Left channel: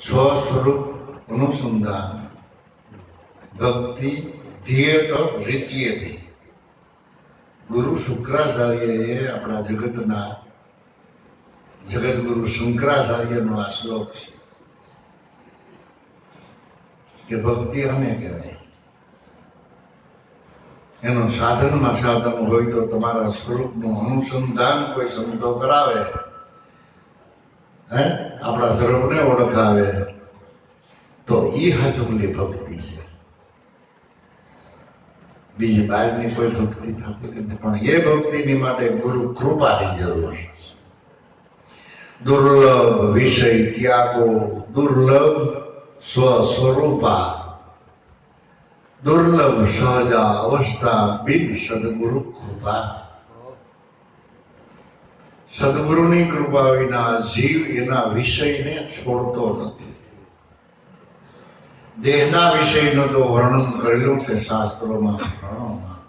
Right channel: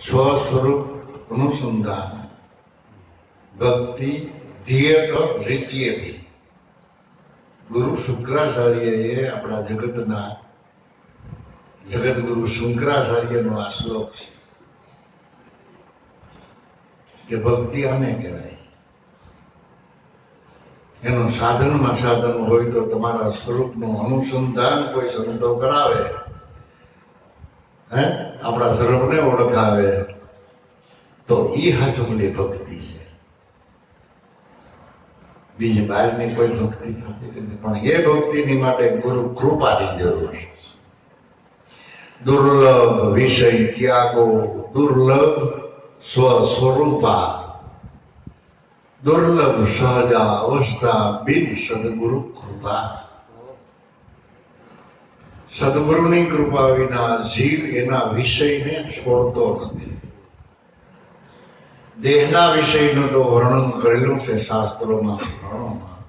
સ્વસ્વરૂપ અનુસંધાન ભક્તિ ધ્યેય રીત્યેથી. ગુરુ શુક્રાચાર્યએ આપણા જગતના જગતગુરુ શંકરાચાર્યનો આ શ્લોક છે કે ભક્તિ આને કહેવાય. એનું સાધનમાં સાધન હોય તો તમારા સ્વરૂપનું અનુસંધાન કોઈ સંતો કરાવે, આપણા સ્વરૂપને ઓળખાવે તો એ હાચુકલી ભક્તિ છે. બીજી બહારની કોઈ ભક્તિ થતી નથી. પણ એ ભક્તિની માટે ગુરુ કૃપાની જરૂર છે. દુર્લભ વિષય ત્યાગો, દુર્લભ સ્વસ્વરૂપા, દુર્લભ સહજા અવસ્થા બિન સદગુરુ કૃપા. સદગુરુની કૃપા વિના જીવ એના વિષયને છોડતો નથી. દેહના વિષયનું તો વર્ણન કરેલું છે શાસ્ત્રોમાં, પુરાણોમાં,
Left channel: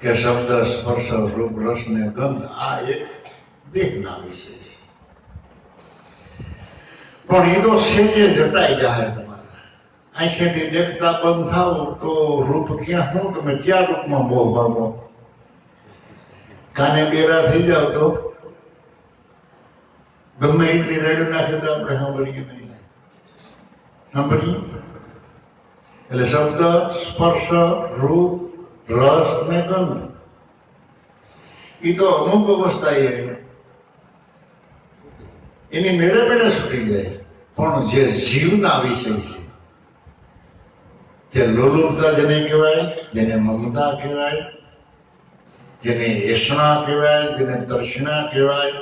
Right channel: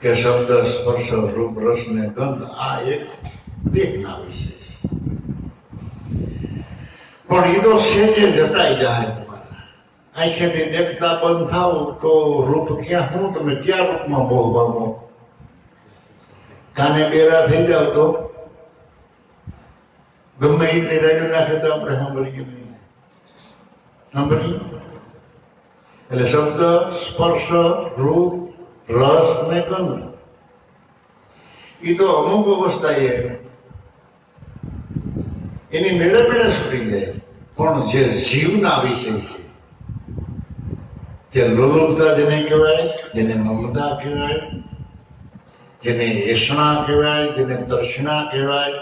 કે શબ્દ સ્પર્શ રૂપ રસ ને ગંધ આ એક દેહના વિષય છે. પણ એ તો સેજે જટાઈ જાય. તમારા આંખેથી દેખતા બંધ થાવ તો રૂપ ક્યાં હું તમે ક્યાં રૂપમાં મોહ પામો. કાને બેરા થઈ જાવ તો ગમે એટલી રેડી નાખે તો આપણે સાંભળીએ નહીં. સાંભળીએ એટલે શબ્દ સ્પર્શ રૂપ રસ ને ગંધ એ તો અમુક અવસ્થાએ એની મેળે મેળે છૂટી જાય. પણ જે જીવના વિષય છે, જે લોલુપતા જેને કહેવાય, જેને મમતા કહેવાય, જેને એષણા કહેવાય, જેને તર્ષણા કહેવાય,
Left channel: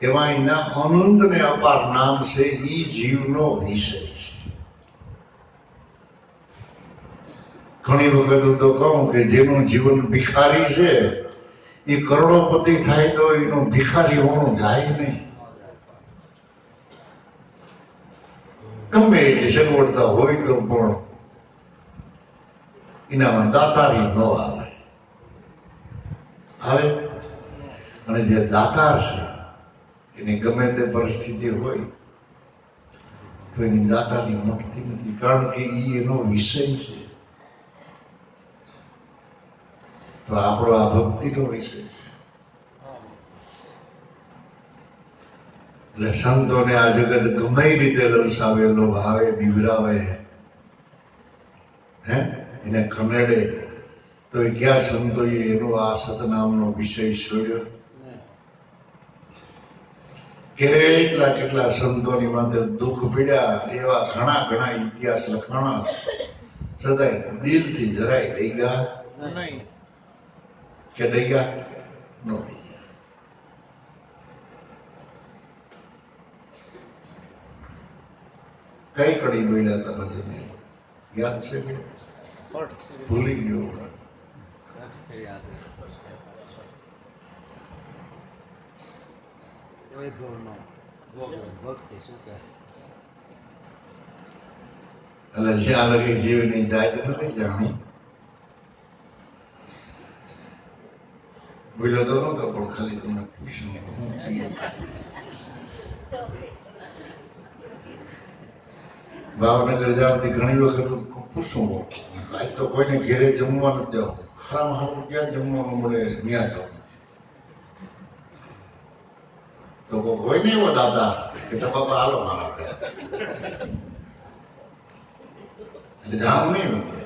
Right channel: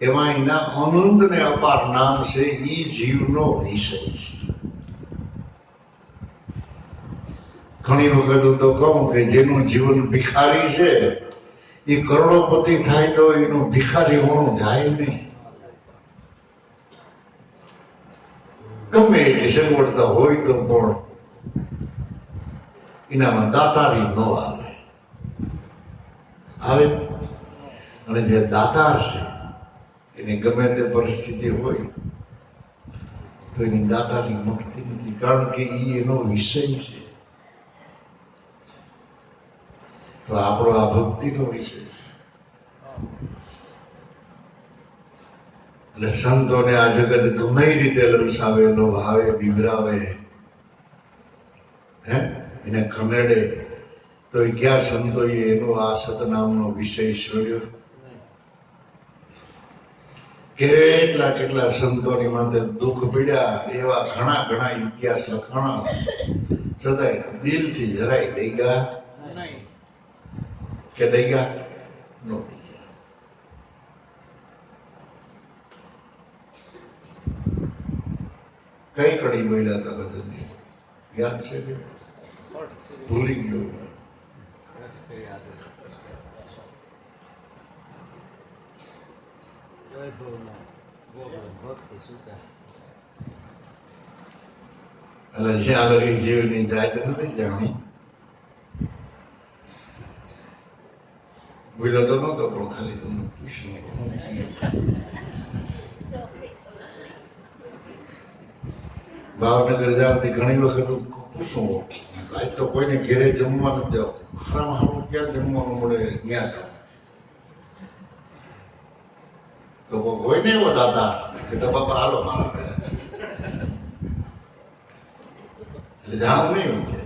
એમાં એના અનંત ને અપાર નામ છે. એ જીવનો વિષય છે. ઘણી વખત હું તો કહું કે જેનું જીવન ભિખારી છે એ કરોડોપતિ થાય તો એનું ભિખારી હોવાનું જાય નહીં. ગમે એટલી સગવડતા હોય તો પણ એનામાં દાતારી ન આવે. આવે અને જે દાતાર છે એની ગમે તે પરિસ્થિતિ હોય તો એની દાતારી મળતી નથી, કારણ કે એ એનો વિષય છે. તો આપણો આ ભક્તિનો વિષય છે. એટલે સંતોને આ જગત ગમે રીતે લલસાવે, લોભાવે, બિગડાવે, એને ખમેડે તો એ ક્યાં સંતોએ એનો આ સતનામનો વિષય છોડ્યો. કેટલા કેટલા સંતોની માથે દુઃખ પીડ્યા એવા ઘણા ઘણા ઇતિહાસ લખાણા. સદાય દિલથી જરાય ડેગા કે ડેગા નો ડેગા. કઈ કડી બોલ્યા હતા બધું યાદ છે કે ભૂલી ગયો. એટલે જ્યાં લગી જીવની જાત નથી જાણી. બોલ્યો તો નતો પણ ખાલી તમને પૂછ્યું. ભાવનગર જાવતી ઘણી વખત પૂછું, આજ તો કોઈને ઘેરે જમવા નથી જાવ, હારામાં હારું ક્યાં જમવાનું મળે ત્યાં જાવ. તો હોય ને એવો દાદા કે તો બાપા હાલો મારા ઘરે, એટલે જાણું નહીં એવું કે.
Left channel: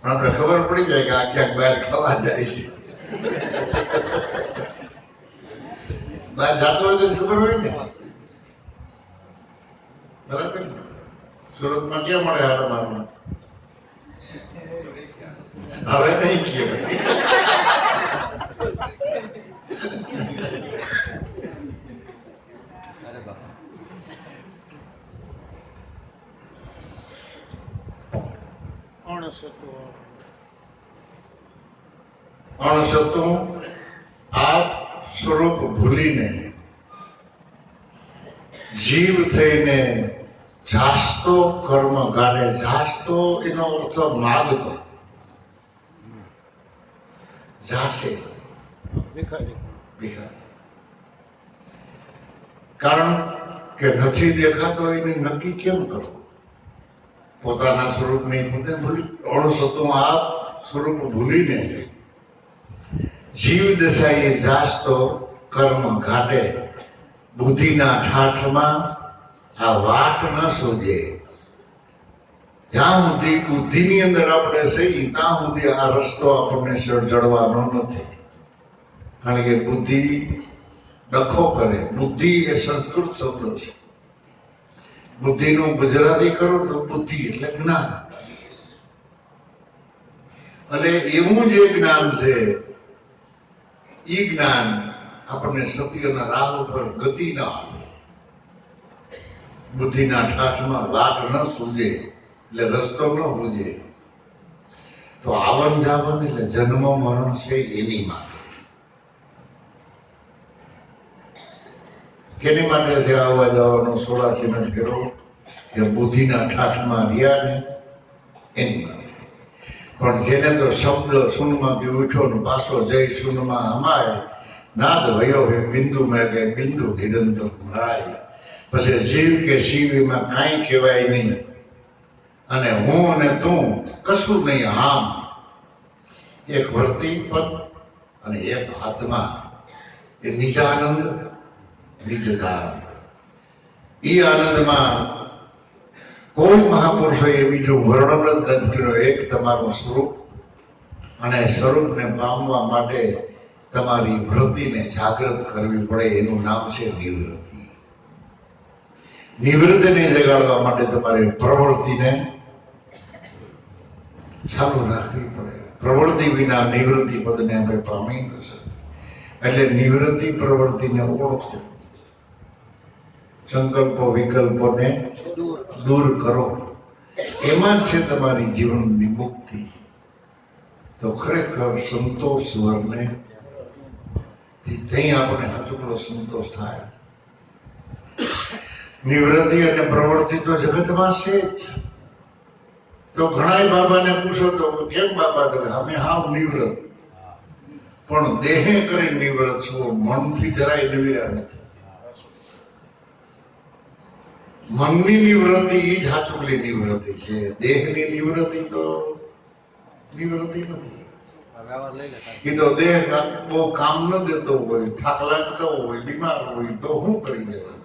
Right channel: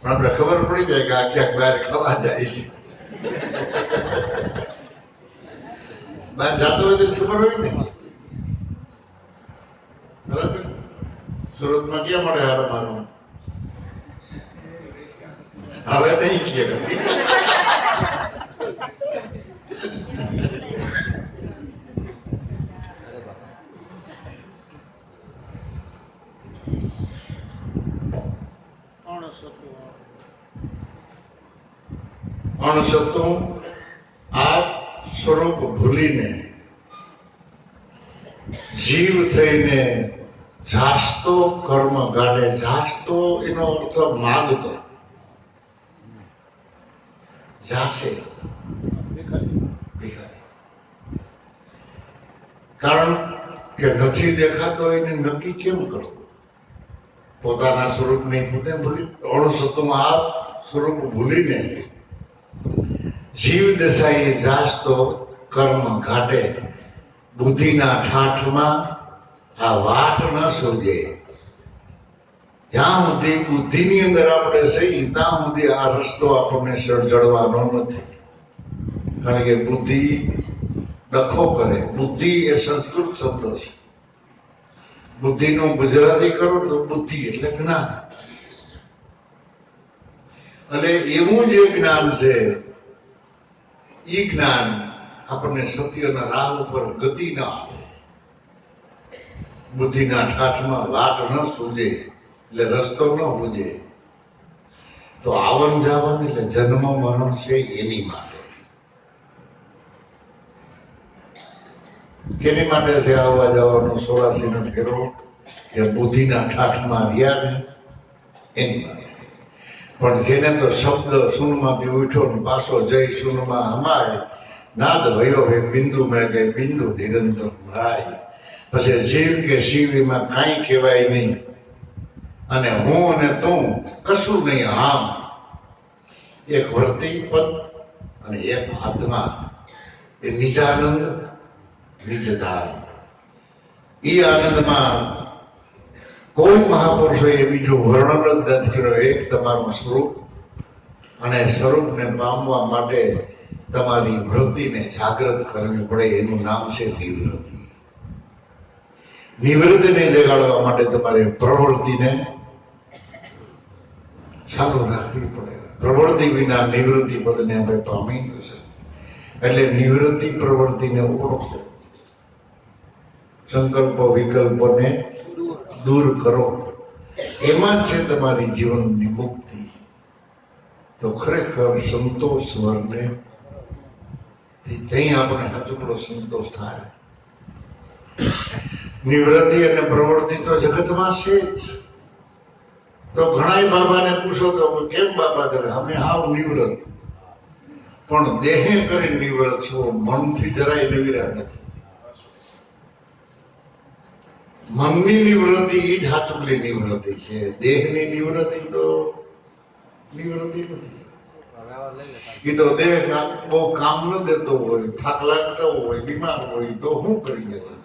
પણ આપણે ખબર પડી જાય કે આ ક્યાંક બહાર ખાવા જાય છે. બહાર જાતો હોય તો ખબર હોય ને. બરાબર. સુરતમાં ક્યાં મળે હારો મારું? હવે નહીં કે અણસતું આ સ્વરૂપ ભૂલીને જીવ થઈને જાસ્તો કર્મ ગાડે. જાસ્તો એનો અર્થ માગતો, જાશે ભિખારી. કારણ કે નથી દેખાતો એને નક્કી કેમ કરવું? પોતાના સ્વરૂપને પોતે ભૂલી અણસતું આપ સ્વરૂપ ભૂલીને જીવ દશાએ જાસ્તો કર્મ ઘાટે બુદ્ધિના ઠાઠમાં આ વાટ ન સૂજે. જ્યાં સુધી બુદ્ધિની અંદર આપણે સહી ત્યાં સુધી આ રસ્તો આપણને જળવાનો નથી. કારણ કે બુદ્ધિ ડખો કરે. બુદ્ધિ એ સંસ્કૃત શબ્દ છે. બુદ્ધિનું ગુજરાતી કરો તો બુદ્ધિ એટલે જ્ઞાન. અને એવું જે જ્ઞાન છે એ જ્ઞાન આપણને સત્યના રાહ ઉપર ગતિ ના આપે. બુદ્ધિના ઠાઠમાં વાટ ન સૂજે એટલે રસ્તો ન સૂજે તો આવન જાવન એટલે જન્મ મરણ છે એની માટે. કેની માટે છે આવવા જવાનું 86 નો ફેરો? કે બુદ્ધિના ઠાઠમાં રહ્યા ને એની માટે. પણ જેને તો શબ્દ શૂન્યમાંથી ઉઠ્યો ને પાછો જય શૂન્યમાં હમાય નાદ ભયો હે બિંદુ મેં કે બિંદુ નિરંતર રાય. પછી જીવ કે શિવ એમાં કાંઈ કહેવાય નહીં અને હું અને તું કશું નહીં. આમ એક વર્તી પદ અને એક આત્મા એ નિજાનંદ નિજધામ. એ આનંદમાં કોઈ મહાપુરુષોએ બીજું વર્ણન જ નથી કર્યું. એક તમારું સ્વરૂપ અને સ્વરૂપને પામવા માટે તમારી વૃત્તિને જાગૃત કરવી પડે. એનું નામ છે નિવૃત્તિ. નિવૃત્તિને જગાડવા માટે તમારે પ્રવૃત્તિને ચાલુ રાખવી પડે. પ્રવૃત્તિ વિના નિવૃત્તિ પદને આપણે પામી ન શકીએ. એટલે નિવૃત્તિ પ્રવૃત્તિને ઓળખો. સંકલ્પો વિકલ્પોને દૂર કરો. એમાં છે તમારી જીવનની મુક્તિ. તો ખરેખર સંતોષ સ્વરને ત્યાં આપણે હાથુકડો સંતોષ થાય. નિવૃત્તિ અને પ્રવૃત્તિ તો જગતમાં છે જ. તો ઘણા બાબાને પૂછો તો કેમ બાબા? તો અમે હાવ નિવૃત્ત. પણ દેહે કરીને નિવૃત્ત છો, મનથી જરાય નિવૃત્ત નથી. મનની નિવૃત્તિ એ જ હાચુકલી નિવૃત્તિ છે. દેહની નિવૃત્તિ તો નિવૃત્તિ નથી. એ તો દેહ બહુ કામ ન દેતો હોય, થાક લાગતો હોય, બીમાર હોય તો શું કરી દેવાનું?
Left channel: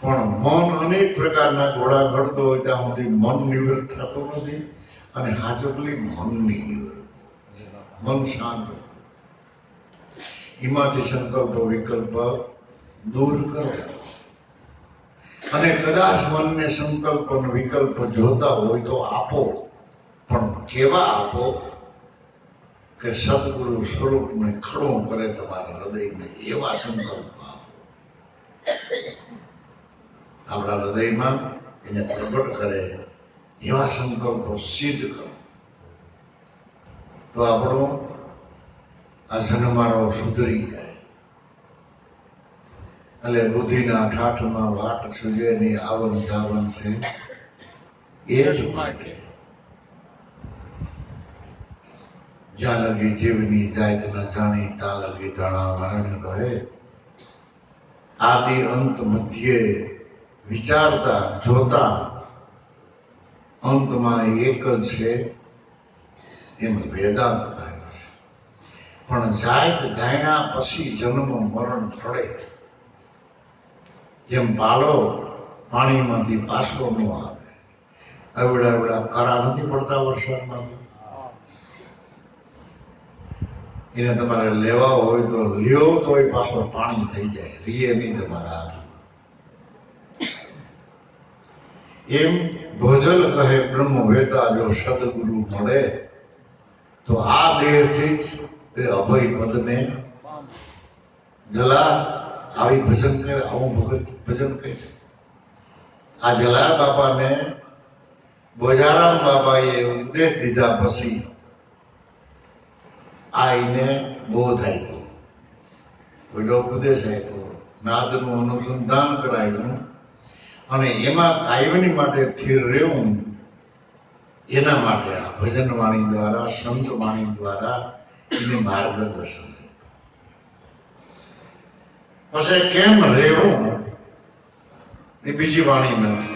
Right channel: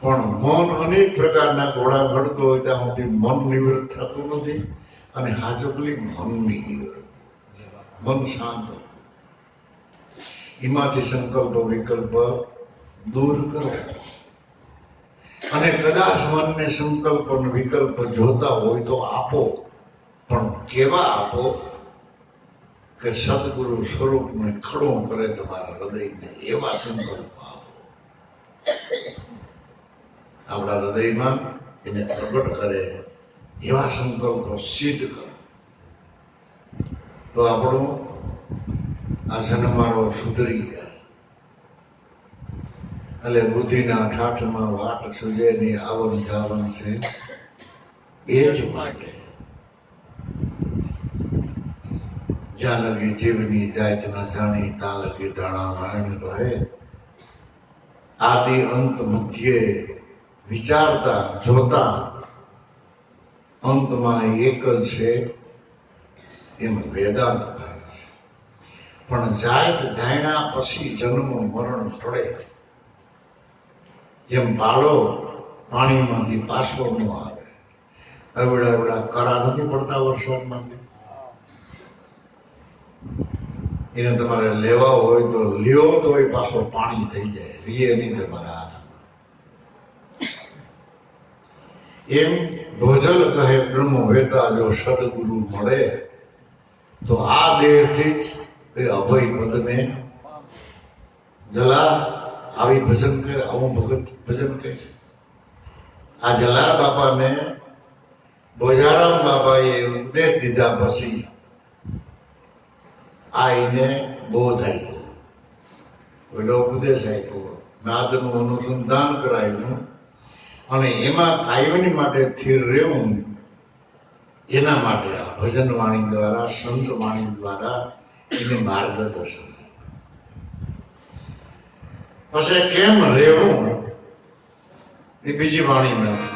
પણ મન અનેક પ્રકારના ઘોડા ઘડતો હોય ત્યાં સુધી મન નિવૃત્ત થતું નથી. અને હાજુકલી મનની નિવૃત્તિ, મન શાંત, એમાંથી સંકલ્પ વિકલ્પ દૂર કરો. અને કદાચ મનને સંકલ્પ અને વિકલ્પ જોતા હોય તો આપો. પણ કેવા આપો? કે સદગુરુ સ્વરૂપને ખડો કરે તમારા હૃદયને એવા સંકલ્પ આપો. આપણા હૃદયમાં એને પ્રગટ કરે એવા સંકલ્પો સિદ્ધ કરો. તો આપણો આ જન્મારો સુધરી જાય. એટલે બુદ્ધિના ઠાઠમાં વાટ સૂજે ની આવન જાવન છે. એ જ માટે જ્યાં લગી જીવની જાત ન જાણી ત્યાં લગી દાણા વાણ રહે. આદિ અંત બુદ્ધિએ વિચારતા જોતા અંતમાં એક જ છે એમ વેદાંત કહે છે. પણ જાત જાણ્યા પછી જન્મ મરણ પડે. જેમ બાળો પાણીમાંથી પાછો ન આવે. અવડા અવડા કરા નથી પડતા વરસાદમાંથી. એને તમારે લેવા હોય તો લ્યો તોય પાછો પાણી થઈ જાય. રીએ નહીં તમારા હાથમાં. એમ ભોજલ કહે બ્રહ્મ વેતા જો સદગુરુ મળે તો આ દેહથી જ એ અભય પદને જલા આવી ભજન કરે. આવું ભગત ભજન કરે. આ જલાર બાપાને બોજારામ બાબાએ ઉપદેશ દીધા પછી આઈને બોધ આપ્યો, પેલો ઉપદેશ આપ્યો, નાદનું અનુસંધાન કરાવ્યું અને એમાં કાયમની માટે સ્થિર રહેવું. એના માટે આ ભજન વાણી દ્વારા, સંત વાણી દ્વારા એને માર્ગદર્શન. પછી કેમ રહેવું એ બીજી વાણીમાં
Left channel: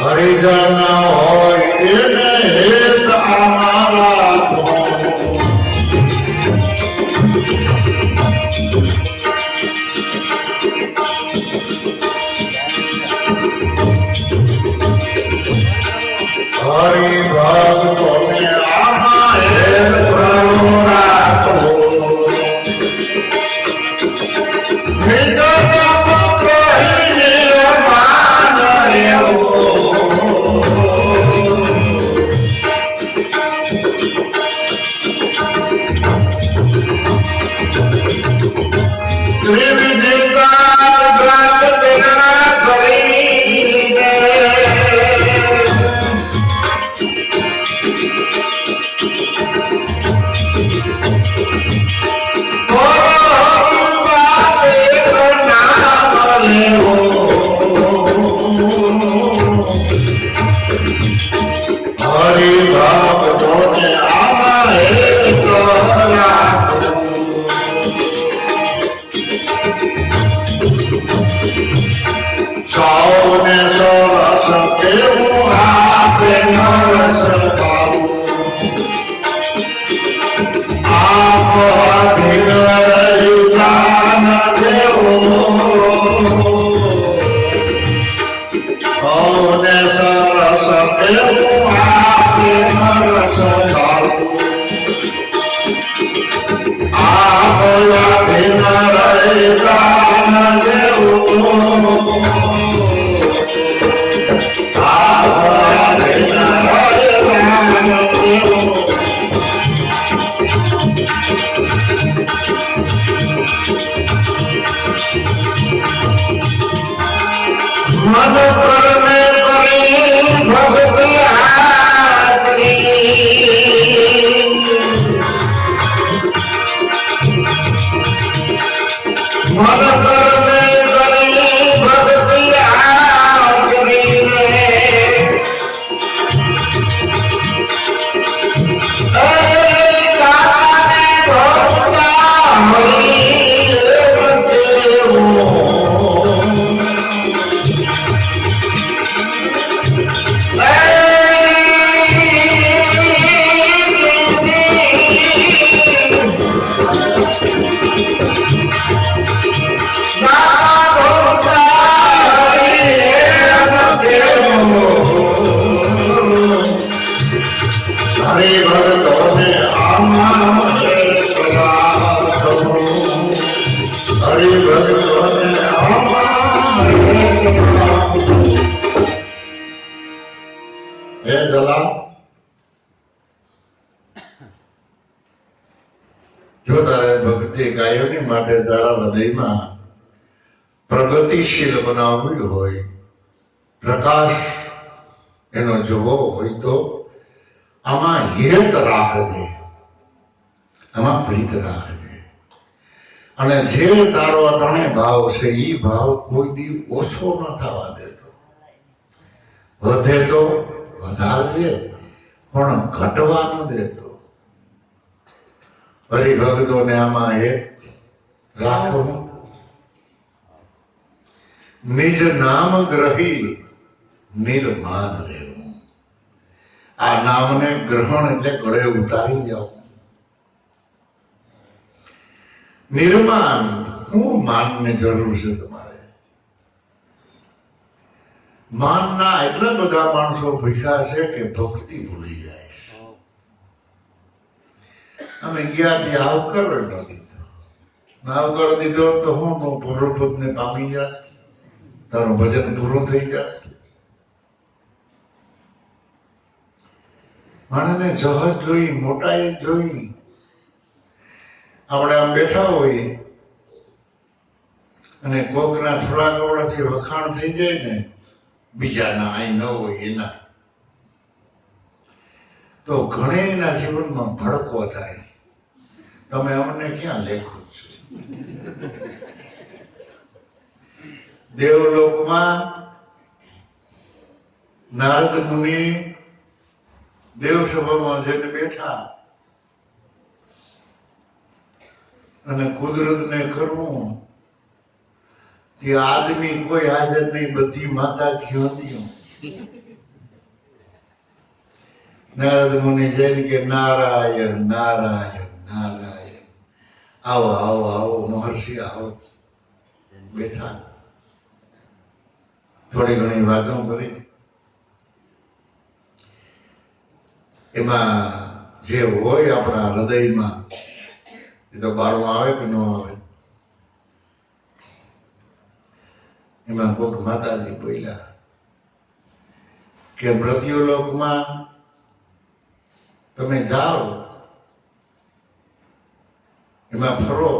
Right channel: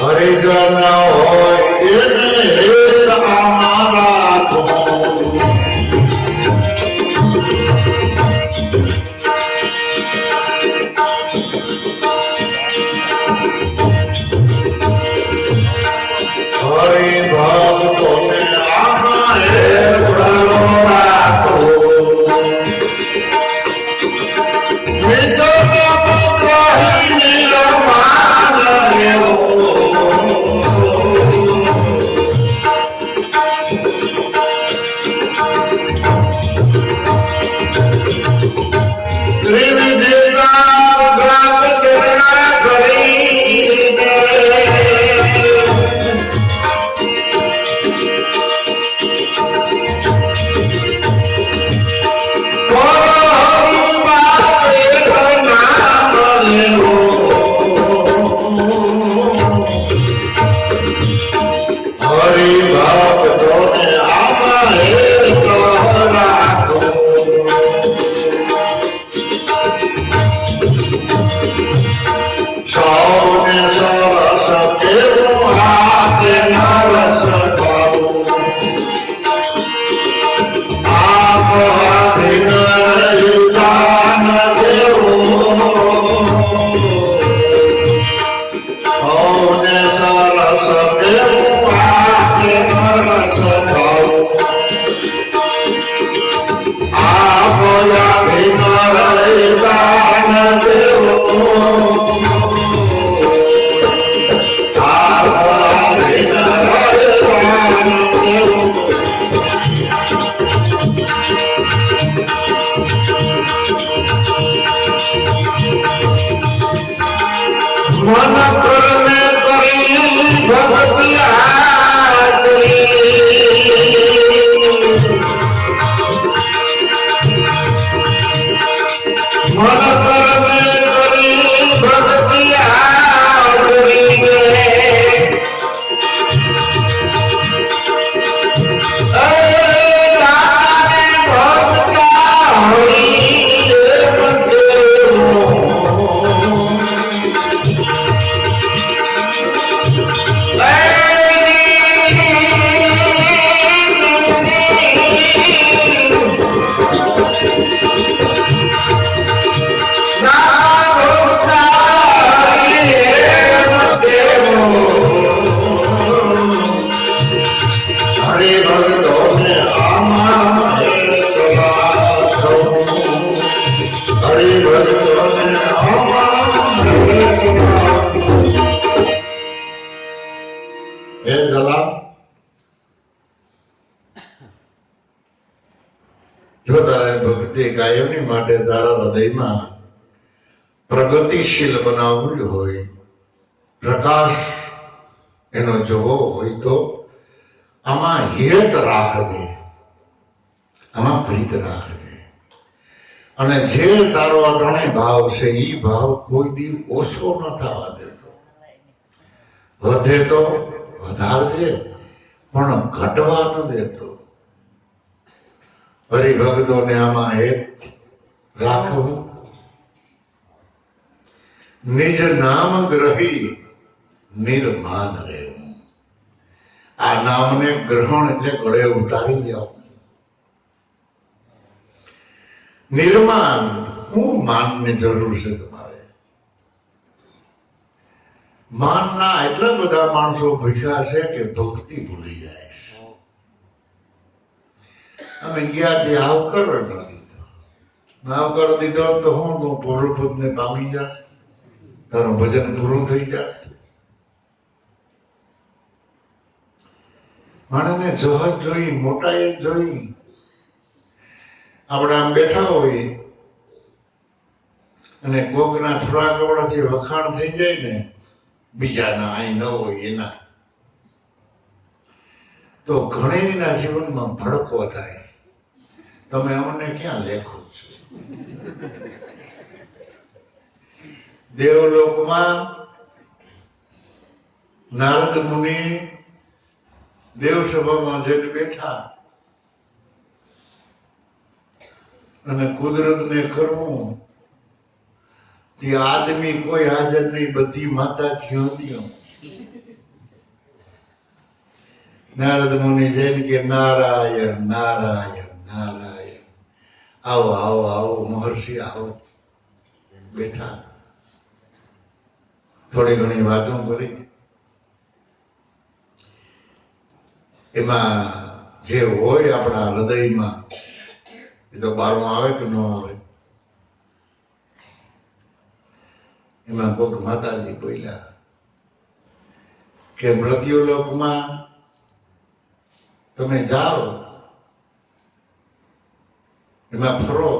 હરિજન હોય એને હેત અમારા હરિ ભક્તોને આમાં હેત રાખો જો તારે ભક્તિ કાયમની માટે તારા હૃદયમાં પ્રગતિશીલ બનાવવું હોય, પ્રકાશ એનો જોવો હોય તો આમાં હેત રાખજે, આમાં પ્રીત રાખજે. અને જે તારો અટાણે ભાવ છે એ ભાવ કોઈ દી ઓછો ન થવા દેતો. વધે તો વધારજે પણ ઘટવા ન દેતો. હરિભક્તોને આમાં હેત રાખવું. નિજ નામ ગ્રહી નિર્માન રહેવું. આ નામને ગ્રહણ એટલે ગળે ઉતારી જાવ. નિર્માણ, શું માનની જરૂર છે તમારે? માનના એટલા બધા માણસો ભૂખ્યા છે કે ભક્તિ ભૂલી જાય. અમે ગયા ત્યાં આવકર ન દીધો. આવકર દીધો તો હું પ્રભુને પામી જાત, તારું ભજન પૂરું થઈ જાત. માણસને જહજ જોઈ, મોટાઈ જોઈ. આપણે આમ બેઠા હોય અને કોકના થોડા કપડાથી વખાણ થઈ જાય ને, બીજાના અહીં ન હોય એના, તો ઘણેના જીવનમાં ભડકો થાય. તમે અમને ક્યાં લેખો છો? દેવલોકમાં નારદ મુનિ દેવસભામાં જઈને બેઠા. અને કુદરતને કરવું જે આદમી કોઈ હાજર નહીં, બધી માતાજીઓ હતી. નારદ મુનિ જઈને કે નારાયણ નારાયણ નારાયણ, આવો આવો આવો મહર્ષિ આવો. બેઠા, થોડી ઘણી વાતો કરી. એમાં જે હોય આપણા હૃદયમાં એ તો બહારમાં આવે કે ન આવે. એમાં કોક માતાજી બોલ્યા કે મૃત્યુલોકમાં તમે જાઓ, એમાં ફરો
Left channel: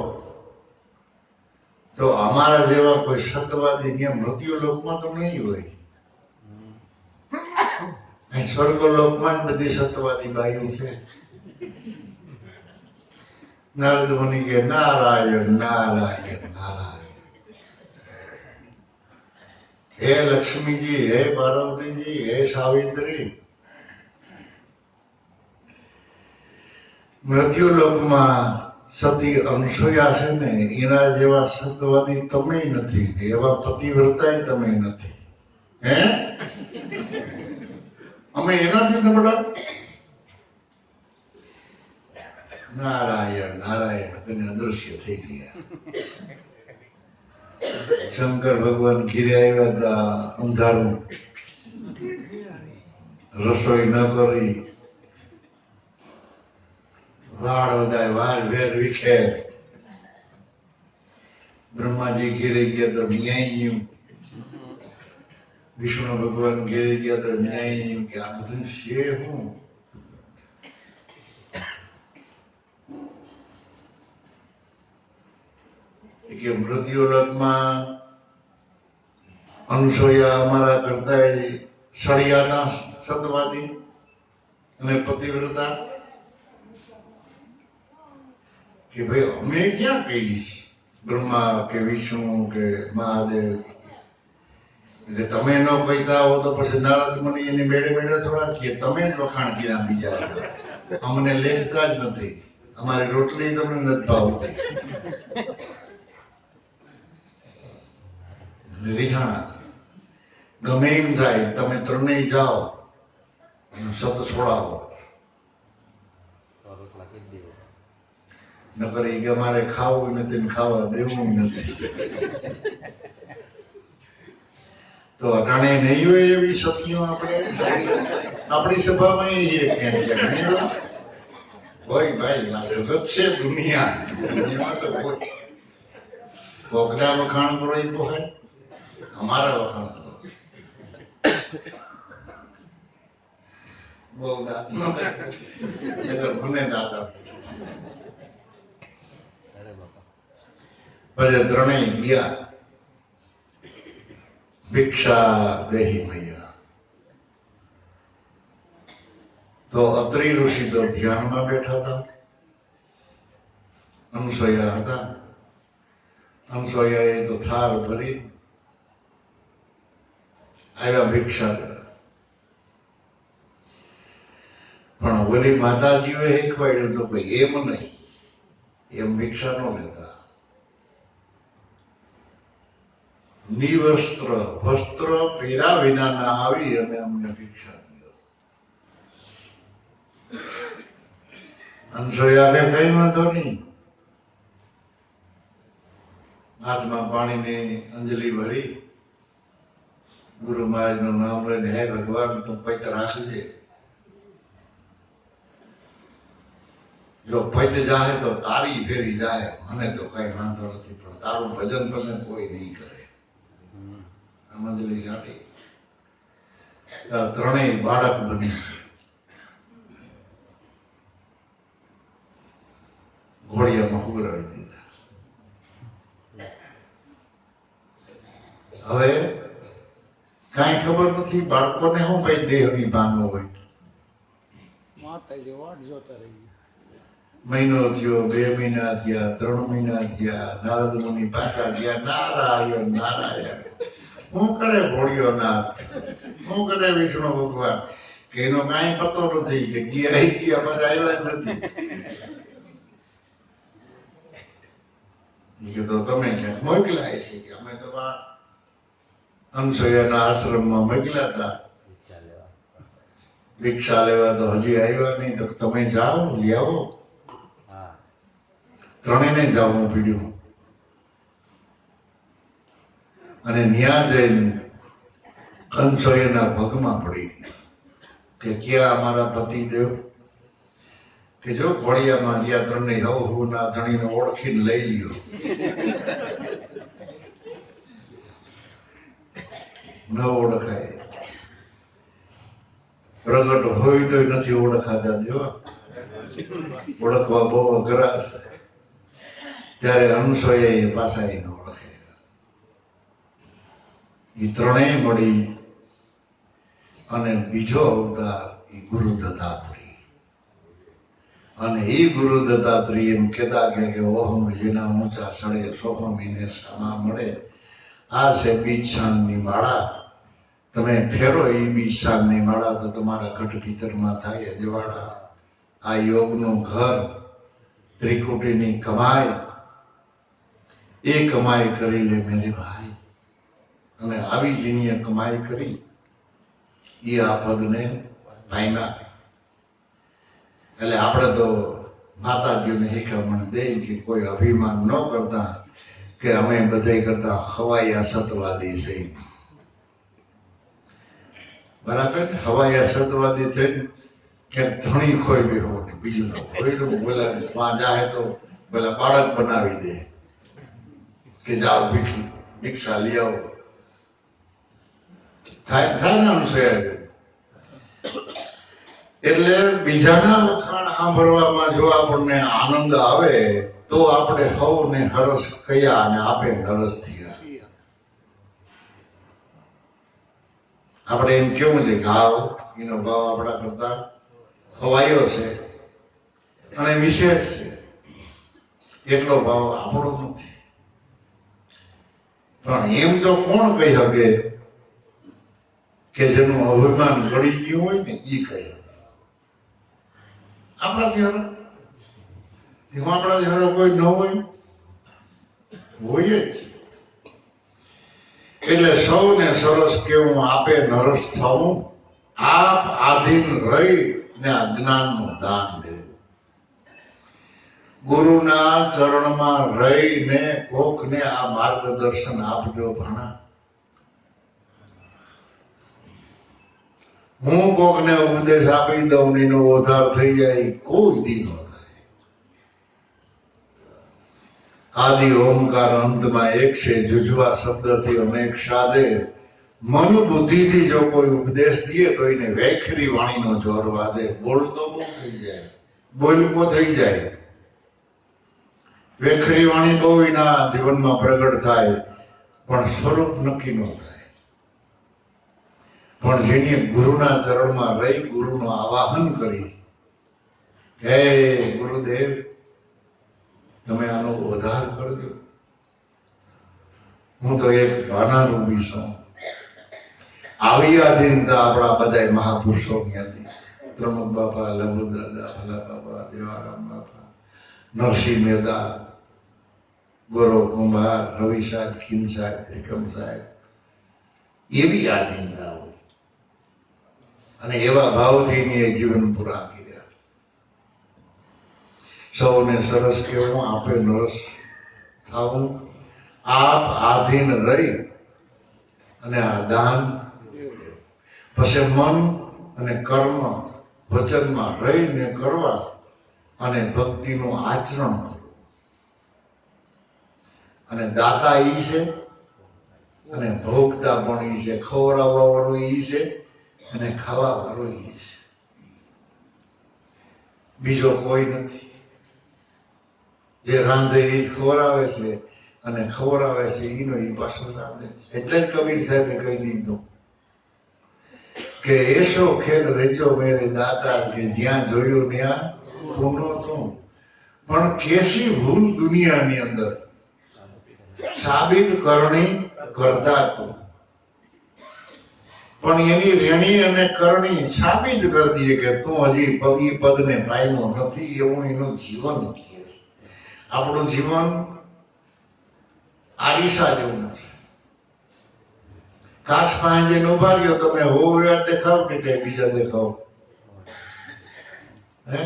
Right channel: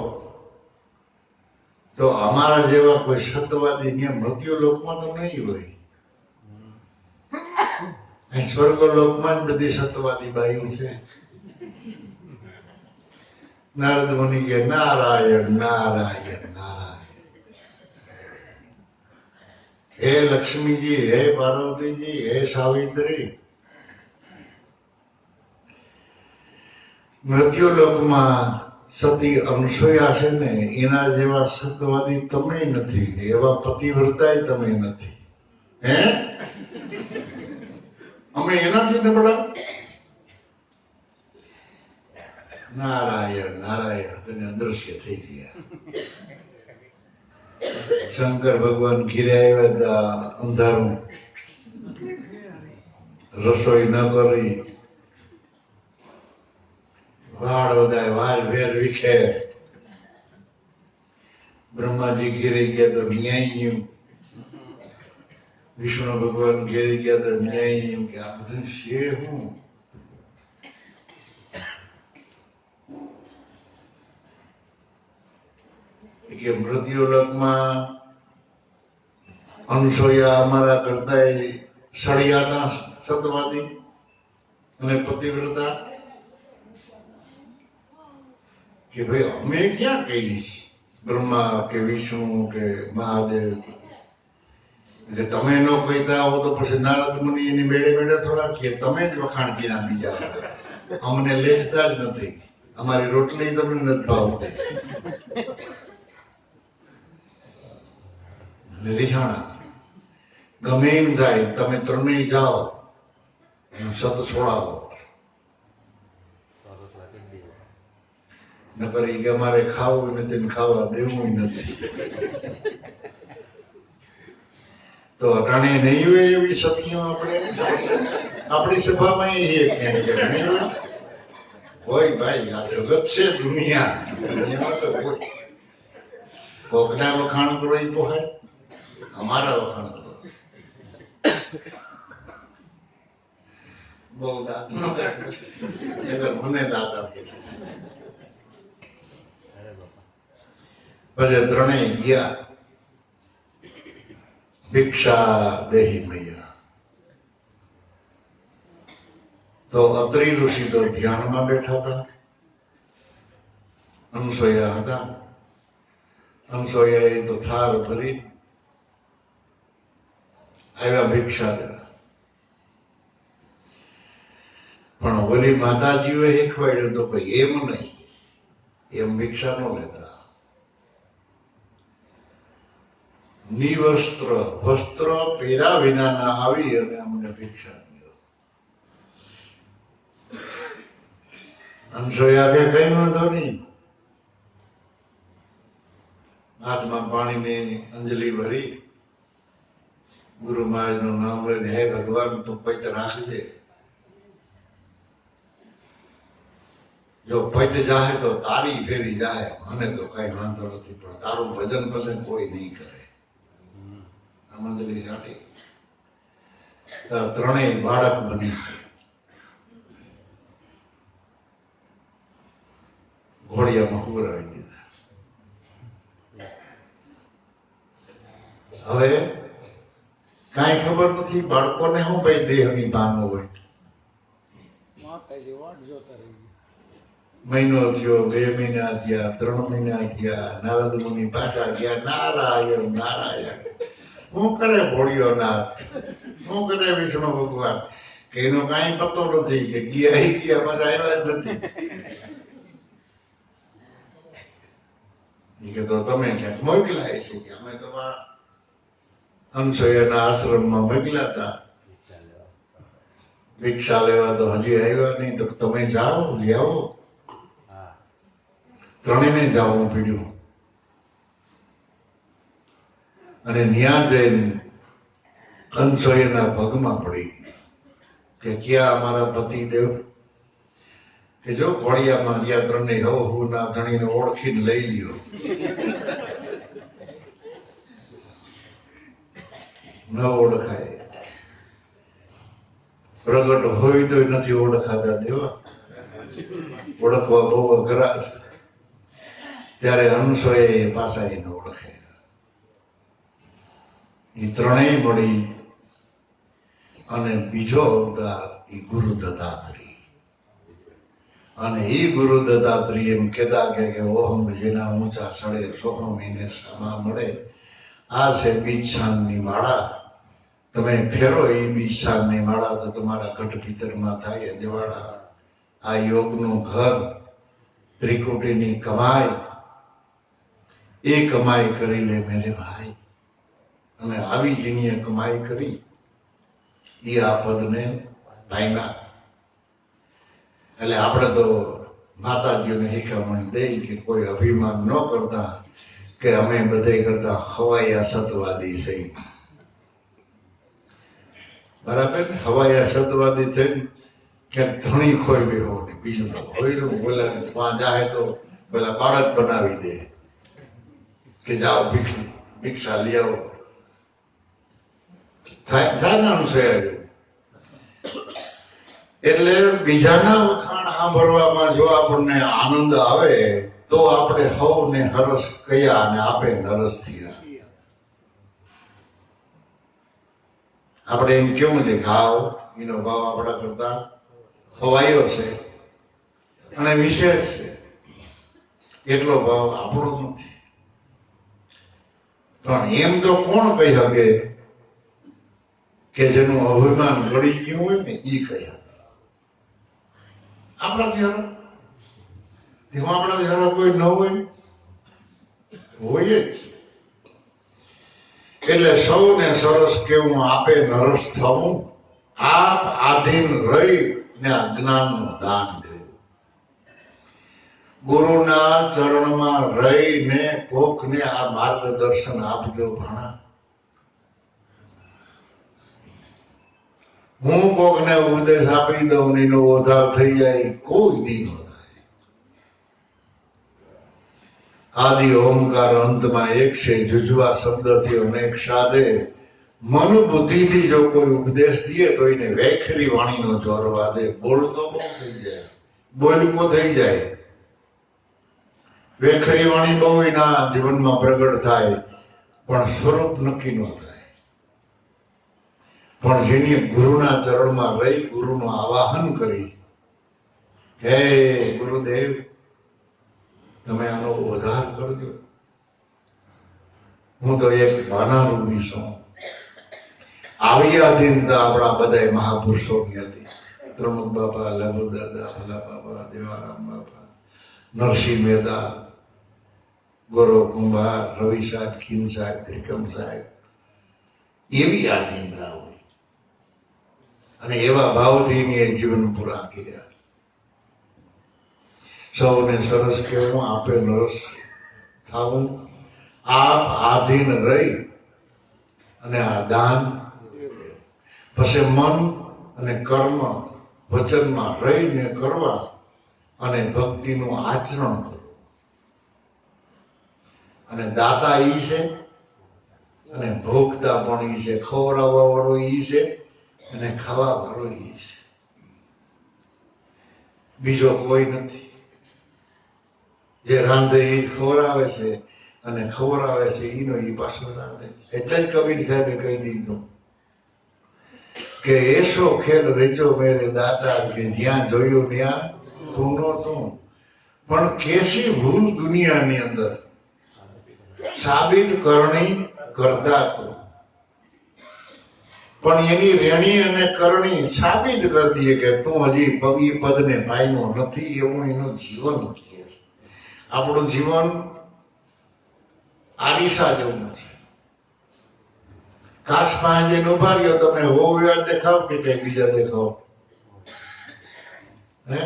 તો અમારા જેવા કોઈ સત્યવાદી ત્યાં મૃત્યુલોકમાં તો નહીં હોય. અહીં સ્વર્ગલોકમાં જ બધી સત્યવાદી બાયું છે. નારદ મુનિ કે નારાયણ નારાયણ નારાયણ. હે લક્ષ્મીજી, હે પાર્વતીજી, હે સાવિત્રી, મૃત્યુલોકમાં સતી અનસૂયા છે ને એના જેવા સત્યવાદી તમે નથી, એવા પતિવ્રતાય તમે નથી. હે અમે એનાથી નબળા? નારાયણ નારાયણ તેને અદૃશ્ય થઈ ગયા. શંકર ભગવાન ઘીરે આવ્યા હતા, અંધારું, રસોઈ ન કરી, વાળ બધા વાર વેર વિખેર. બ્રહ્માજી ઘેરે ગયા તો ન્યાય, વિષ્ણુ ભગવાન ઘેરે ગયા તો ન્યાય. કે આ બધું છે હું? કે મૃત્યુલોકમાં અનસૂયા અમારા કરતા સળિયાના સતવાદી અને પતિવ્રતા. કે ભાઈ અમે ક્યાં કહીશ, બ્રહ્મા કે વિષ્ણુ કે મહાદેવ કે તમે ન કહેતા હો તો પછી નારદ મુનિ એની બેડે બેડે થોડા કે તમે જ વખાણ કર્યા બીજા. અમને લેખતા જ નથી, અમારી રોટલી તમને નથી ભાવતી. રિહાણા ગમે એમ થાય, તમે ત્રણેય જાઓ સત છોડાવો. નકર કે અમારે ખાવું નથી ને ખાવા દેવું નથી. તો અટાણે નહીં હોય એવી શક્તિઓ આપણે આપણી સભામાં એ ક્યાંક હોય. ભાઈ આ જગત છે, દુનિયા, દુનિયામાં તો હોય. કોકના વખાણ કરો એ પોહાય, અમારા વખાણ કરો. બહુ દાંત ન મને દાંત આપી. પછી ત્રણેય ગયા. ભિક્ષા દેહી મૈયા. તો અત્રિ ઋષિ તો ધ્યાનમાં બેઠા હતા, અનસૂયા હતા. અનસૂયાએ તો થાળ ભરી આવ્યા ભિક્ષા દેવા. પણ ઓલી માતાજીઓએ શીખવાડ્યું તો ભાઈ એમ નહીં, એમ ભિક્ષા ન લેતા. નિવસ્ત્ર વસ્ત્ર પહેર્યા વિનાના આવી અને અમને ભિક્ષા દો. અનસૂયા કે કઈ વાંધો નહીં. હાથમાં પાણીની અંજલિ ભરી ગુરુ મહારાજનું નામ લઈને, હે ભગવાન તું પૈત રાખજે. જો પૈત જાહે તો તારી ફેરી જાય, મને તો કઈ વાંધો નથી, પણ તારું ભજન ભજન કોઈ નહીં કરે. અંજલિ ચાટી ત્રણેય બાળક બની ઘોડિયામાં ઉભરાવી દીધા. હવે કાંઈ ખબર નથી બાળકોને શું ભાઈ દેહની ભાન હોય. મહિનો થયો, 2 મહિના થયા, 3 મહિના થયા. નારદ મુનિ પાછા ગયા. નારાયણ નારાયણ. શું કરે ભોળિયોનાથ, શું કરે વિષ્ણુ ભગવાન? કે એનો કાંઈ પતો નથી. કે ગયા પાછા આવ્યા જ નથી. એ કે તો તમે ક્યાંક મોકલાય છે કે અમે તો આ અનસૂયાના આશ્રમમાં મોકલ્યા હતા ભિક્ષા લેવા, તો હજી આવ્યા નહીં, તો તમે જાઓ લઈ આવો. ત્રણેયને જવું પડ્યું અને ન્યા જઈને અનસૂયાના પગમાં પડી કે ક્યાં અમારા પતિદેવ, કે જો ઘોડિયામાં રહ્યા ત્રણેય હું ના ધણીને ઓળખીને લઈ લ્યો. ન ઓળખાય, પ્રગટ હોય તો નથી ઓળખાતા દેવા, ઓળખવા બહુ અઘરા છે. ત્યારે અનસૂયા પાછા એને ઓળખાય. એ ત્રણેય મળી અને બીજો અવતાર એ ગુરુ દત્તાત્રેય. અને એ ગુરુ દત્તાત્રેય એમ કહેતા કે ઓહમ જેના ઊંચા સડે સોહમીને સામા મળે. આ છે બીજછાનની માળા, તમે ફેરો એ બીજછાનની માળા તો તમારા ઘટ ભીતરમાં થાય અજવાળા. આ યોગનું ઘર, ત્રિકુટીની કમાઈ, એ કમાઈ કરી લે મેરે ભાઈ. અને આવી જેની કમાઈ કરી એ આ પદને પામ્યા. એટલે આપણે તો માતાજીઓને શીખામણ દે કે કોઈ અભિમાન ન કરતા કે અમે બધા કરતા હવાયા સતવાદી થઈ. બરાબર ને? હવાયા સતવાદી થઈને ક્યાંક ધણી ખોઈ બેહો ને બીજું તો ખોયલું બોલા ત્યાં જાય તો પેલા બાળક બનાવી દે કે જાઓ ભિક્ષા લઈ આવો. થાય ને અનુસૂયા. એટલે બીજાના વખાણ સાંભળવામાં જો આપણને આનંદ આવે તો આપણે હવને હરસ કયા અને આપે નરસ થયા. આપણે એમ કેવું છે ઘાવ, એનો ભાવ આપણા કરતા હવાયો છે અને વિશેષ છે, એટલો ભાવ આપણો નથી. પણ એમ તો કોણ કહી શકે કે જેનું અભિમાન ગળી ગયું હોય ને એ કહી શકે. આપણાથી હરો એમાં આપણાથી હરો કોઈ ન હોય જ. એટલે સૌને સરસ કેવું આપે નરસ થવું, આપ આધીન રહી ને અજ્ઞાનનું દાન દેવું. ગુરુના ચરણમાં રહીને કોકને આ માર્ગદર્શન આપજો ભણા. હું કોકને ઉપદેશ આપી દઉં ને એનો ઉદ્ધાર થઈ જાય કોઈ દી ન થાય. આદિ ઓમકાર અંતમાં એક છે, જુજવા શબ્દથી અનેક સાધે. મન બુદ્ધિથી જો કોઈ ઉપદેશ દે તો એને વેખરી વાણીનો જોર વાદે. બોલતો બહુ થઈ જાય, બોલકો થઈ જાય, વેખરી વાણી બહુ એના જીવનમાં પ્રગટ થાય પણ સ્વરૂપ નક્કી ન થાય. પણ જેની ગુરુના ચરણમાં રહી ગુરુનું આવાહન કરી, હે ગુરુદેવ તમે આનો ઉદ્ધાર કરજો. હું તો એક ભાનારૂપી છું. આવી આધીનતા આપણા બધા મહાપુરુષોની હતી. પ્રમુખ બાપા, લઘુ દાદા, ભલા બાપા, દેવારામ બાપા, નરસિંહ મહેતા, ગૌરવ કુંભાર, રવિ સાહેબ, ખીમ સાહેબ, ત્રિકમ સાહેબ. એવી આધીનતા હોય અને એવા ભાવથી એ જીવન પૂરા કર્યા. સૌને સરસ કેવું આપે નરસ થાવું, આપ આધીન રહી અને આ દાન. પછી મન અને કર્મ વચનમાં રહીને કરવા અને ભક્તિનું આચરણ કરવું. અને દાતા ઈ છે અને ભોગતા પણ ઈ છે. ખવડાવવા વાળો ઈ છે અને ખાવા વાળો ઈ છે. બીજો કોઈ નથી. જે રાંધે એ ખવડાવે છે અને ખવડાવે છે ઈનો ઈ પાછો રાંધે છે. એટલે જ કબીર સાહેબે કહી દીધું કે એસો ખેલ રેચો મેરે દાતા, કે જ્યાં જોયું ત્યાં તું નો તું. પણ કેસી ભૂલ દુનિયાની અંદર સાબિત કરણી કરતા તો, પણ એની રેણી અને કરણી સાબિત કરી દઈએ કે તું હજી પગી પદને પામ્યો નથી. એવું એનું જીવન કહે છે. આપણું જીવન આરીસા જેવું છે. કાચમાં જે ઉભા રહ્યો તમે હોવ્યા દેખાવ કે કઈ બીજા દેખાવ? હે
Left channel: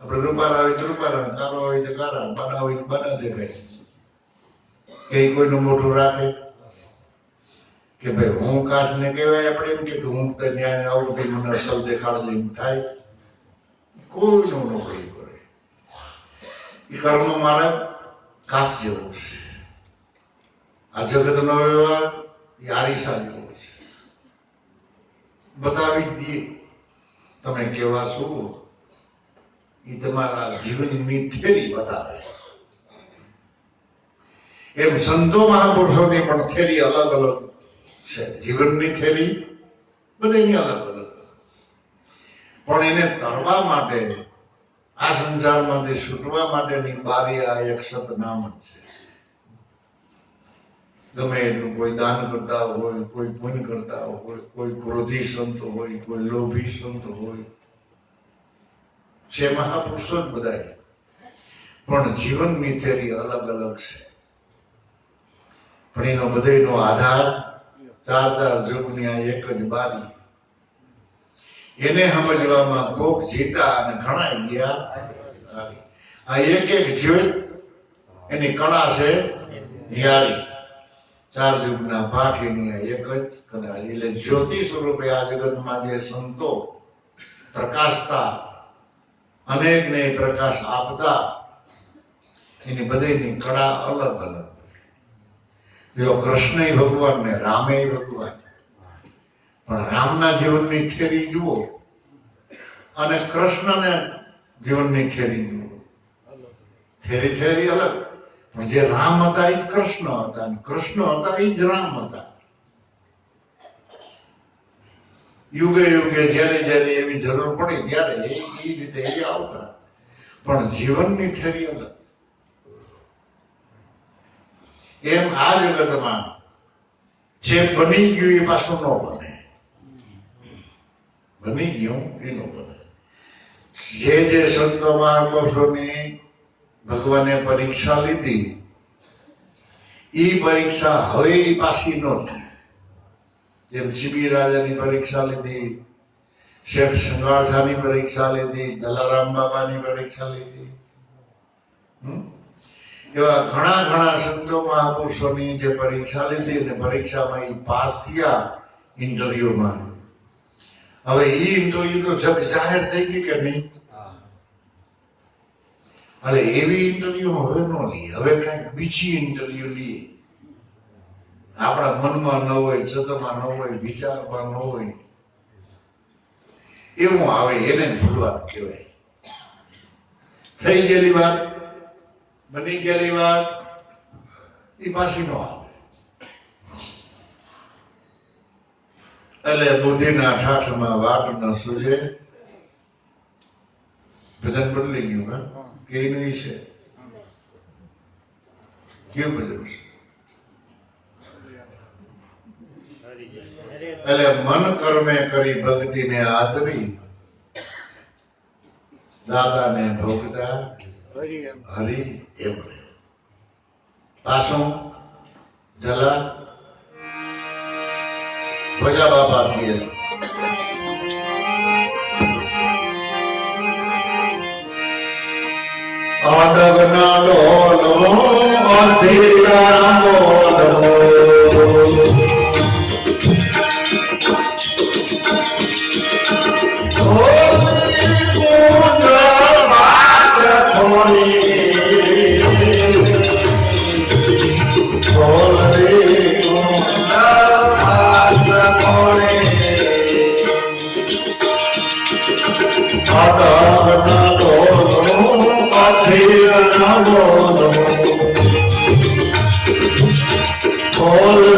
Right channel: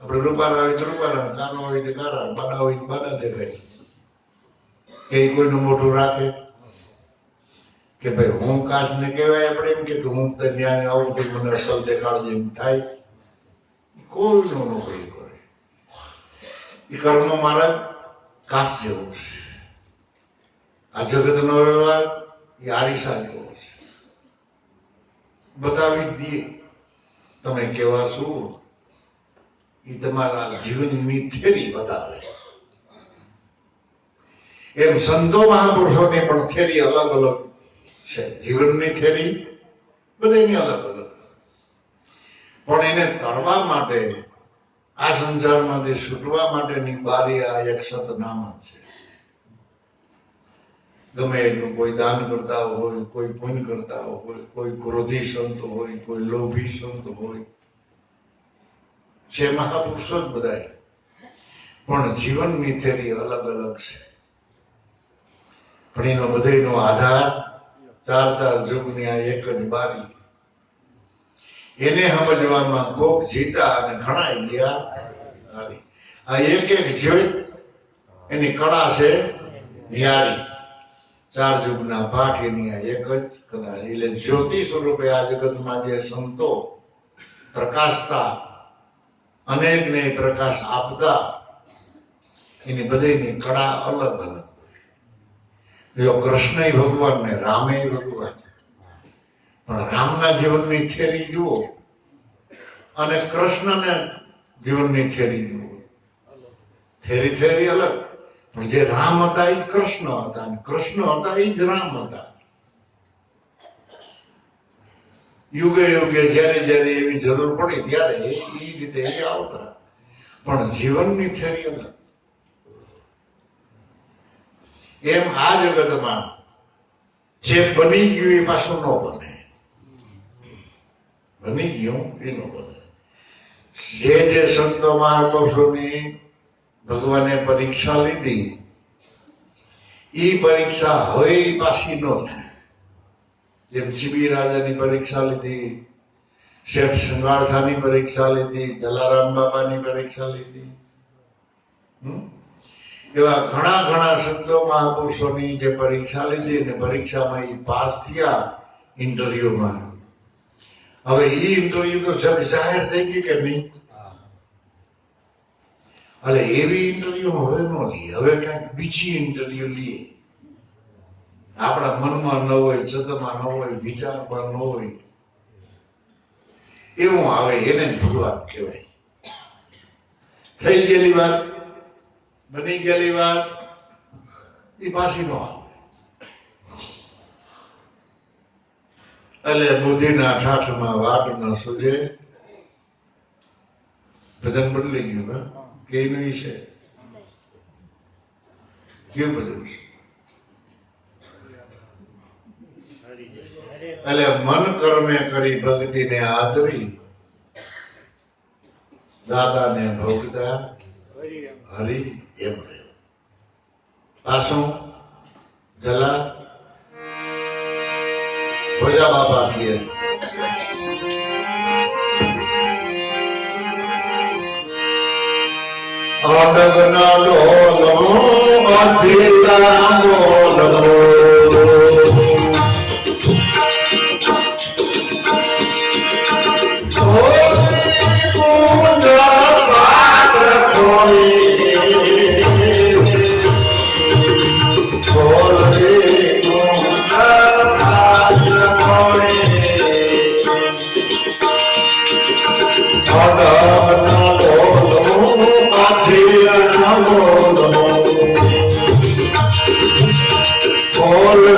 આપણે રૂપારા હોય તો રૂપારા, કાનો હોય તો કારા, બાડા હોય તો બાડા દેખાય. કઈ કોઈનું મોઢું રાખે કે ભાઈ હું કાચ ને કહેવાય આપણે એમ કે હું તો જ્ઞાન આવું તો મને અસલ દેખાડજે એમ થાય? કોઈનું ન કોઈ કરે. એ કર્મ મારા કાચ જેવું છે. આ જગતનો વ્યવહાર એ આરીસા જેવો છે. બતાવી જ દઈએ તમે કેવા છો. એ તમારા જીવનની થેરી બતાવે. એમ સંતો મહાપુરુષોની પણ થેરી અલગ અલગ છે. જીવનની થેરી બધાની અલગ અલગ, પણ એને તરવા માટે, આ સંસારમાંથી છૂટવા માટેની બારી આ એક સતનામ જ છે. ગમે એટલું કોઈ દાન કરતા હોય, કોઈ પુણ્ય કરતા હોય, કોઈ ક્રોધી સંત હોય, કોઈ લોભી સંત હોય, છે મહાપુરુષો જ બધા, પણ જીવનની થેરી અલગ અલગ છે. પણ એનો બધાનો આધાર ચાર યુગની આ એક જ બારી. એને સમજવામાં કોક જીતા અને ઘણા ગયા. આ એક એક જ્યોત એની કળા છે ન્યારી. ચાર યુગના પાઠ એની આ એક જ કળા. એટલે જ્યોતિ સ્વરૂપે આ જગતમાં જે સંતો પ્રકાશતા, અનેકને પ્રકાશ આપતા, એની બધાની કળા અલગ અલગ. જો કૃષ્ણ ભગવાન ને રામે ભગવાન, પણ રામના જીવનની થેરી જુઓ અને કૃષ્ણને જીવનની થેરી જુઓ, થેરી અલગ. પણ જે રામ હતા એ જ કૃષ્ણ હતા, અને કૃષ્ણ હતા એ જ રામ હતા. યુગે યુગે જયારે જયારે એવી જરૂર પડી ત્યારે એ રીતે એ આવતા, પણ જીવનની થેરી અલગ. એમ આ જગતમાં જે બની ગયું એ પાછું ન બને. બની ગયું એ ન બને. જે સંતો મહાપુરુષોની ભગવાને પરીક્ષા લીધી, એ પરીક્ષા હવે પાછી ન થાય. જેમ ચીબી રાજાની પરીક્ષા લીધી, શેઠ શૃંગારસાની પરીક્ષા લીધી, જલારામ બાબાની પરીક્ષા લીધી, એવા ઘણા ઘણા સંતો મહાપુરુષોની જે પરીક્ષા લીધી અને પરીક્ષામાં એ પાસ થયા ઇન્ટરવ્યુમાં. હવે એ ઇન્ટરવ્યુ તો જગ જાહેર થઈ ગઈ કે નહીં? એટલે એવી ઇન્ટરવ્યુ હવે ન લઈએ, હવે કઈક બીજી ઇન્ટરવ્યુ લઈએ. આપણા મનમાં ન હોય, ચિત્તમાં ન હોય, વિચારમાં ન હોય, એવું આવે. એને જ ભગવાન કહેવાય. થઈ ગયેલી વાત, બની ગયેલી વાત એ પાછી નો આવે. એટલે બુદ્ધિના ઠાઠમાં વાટ ન સૂજે. ભજન બદલી ગયું. કે નહીં છે? કેવું ભજન છે? એટલે મન કર્મે કરી ભક્તિને આચરી, દાદાને ભોગતા હરી એમ. પાછું જલા ભોજા બાપા પીએ. અડગના લોલમો અધીરા લોલમો all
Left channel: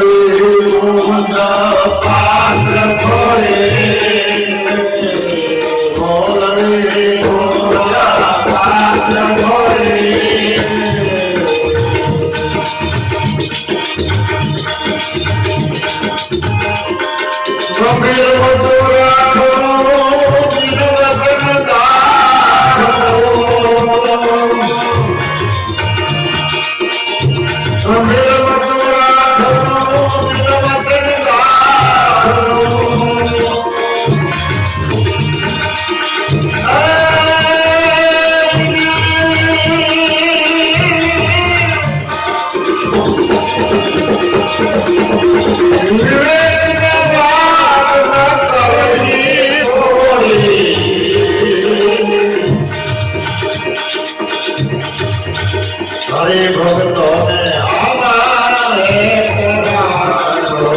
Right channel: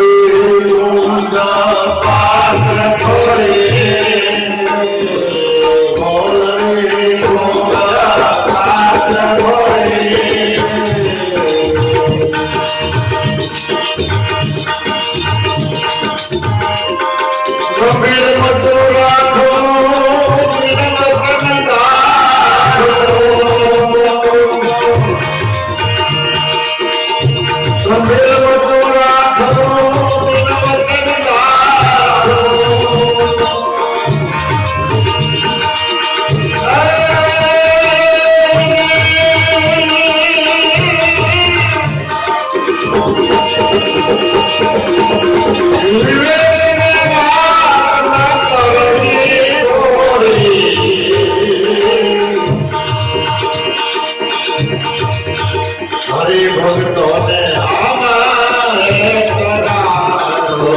હરે ભક્તોને અમારે કરાવો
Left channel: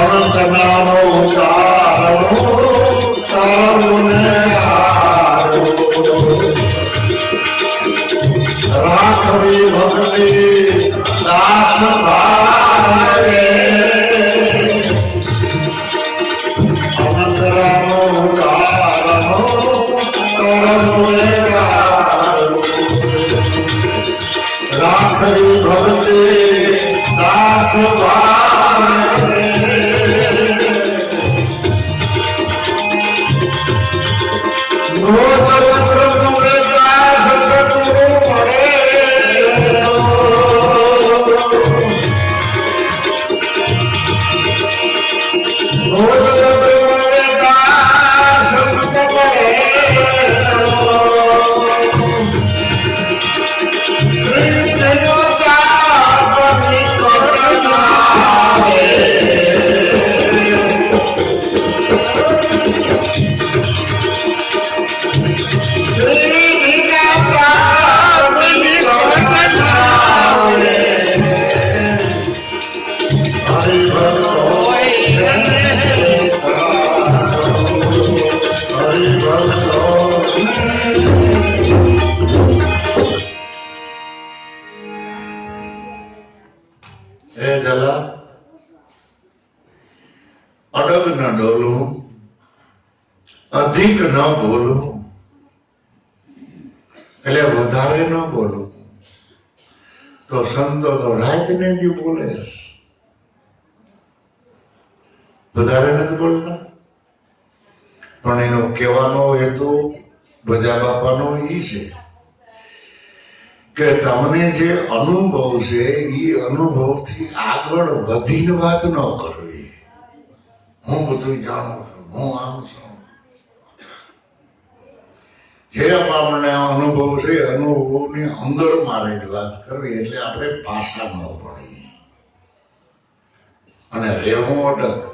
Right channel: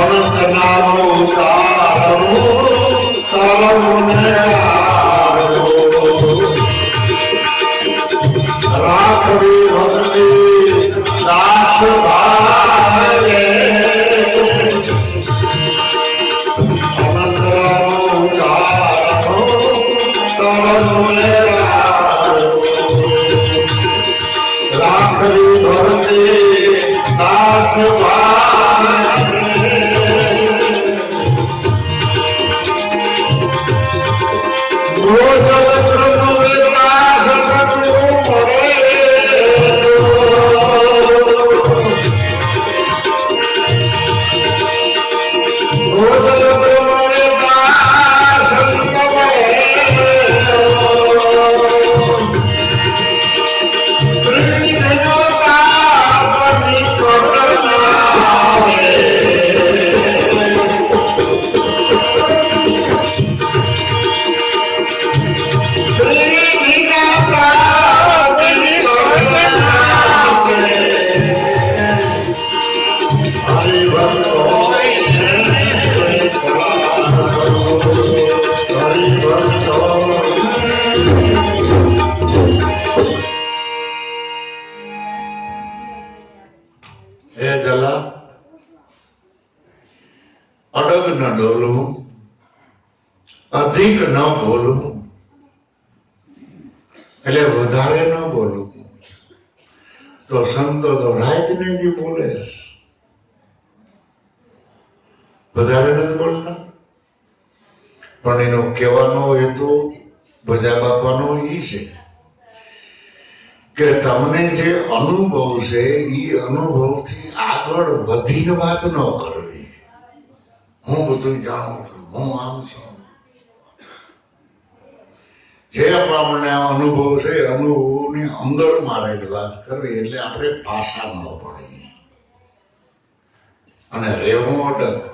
અનંત નામો ઉતારો રાખવી ભક્તિ દાસ ભાવે અનંત રામો ઉતારો રાખવી ભક્તિ દાસ ભાવે અડગ ન ડોલવું અધિક ન બોલવું એટલે વધારે ન બોલવું તો સંતો તો રાત ને જ બોલે વધારે નથી બોલતા પણ એનો કહેવાનો હેતુ ભજા બાપાનો ઈ છે કે તમને જે અનુભવ છે એ અનુભવથી આગળ વધીને વાત ન કરવી હું બધું જાણું છું હું આમ છું જે આપણને અનુભવ છે અનુભવની અંદર મારેલી વાત કરવી એટલે આપણે ભાષા ન પડી અને રહેવું અડગ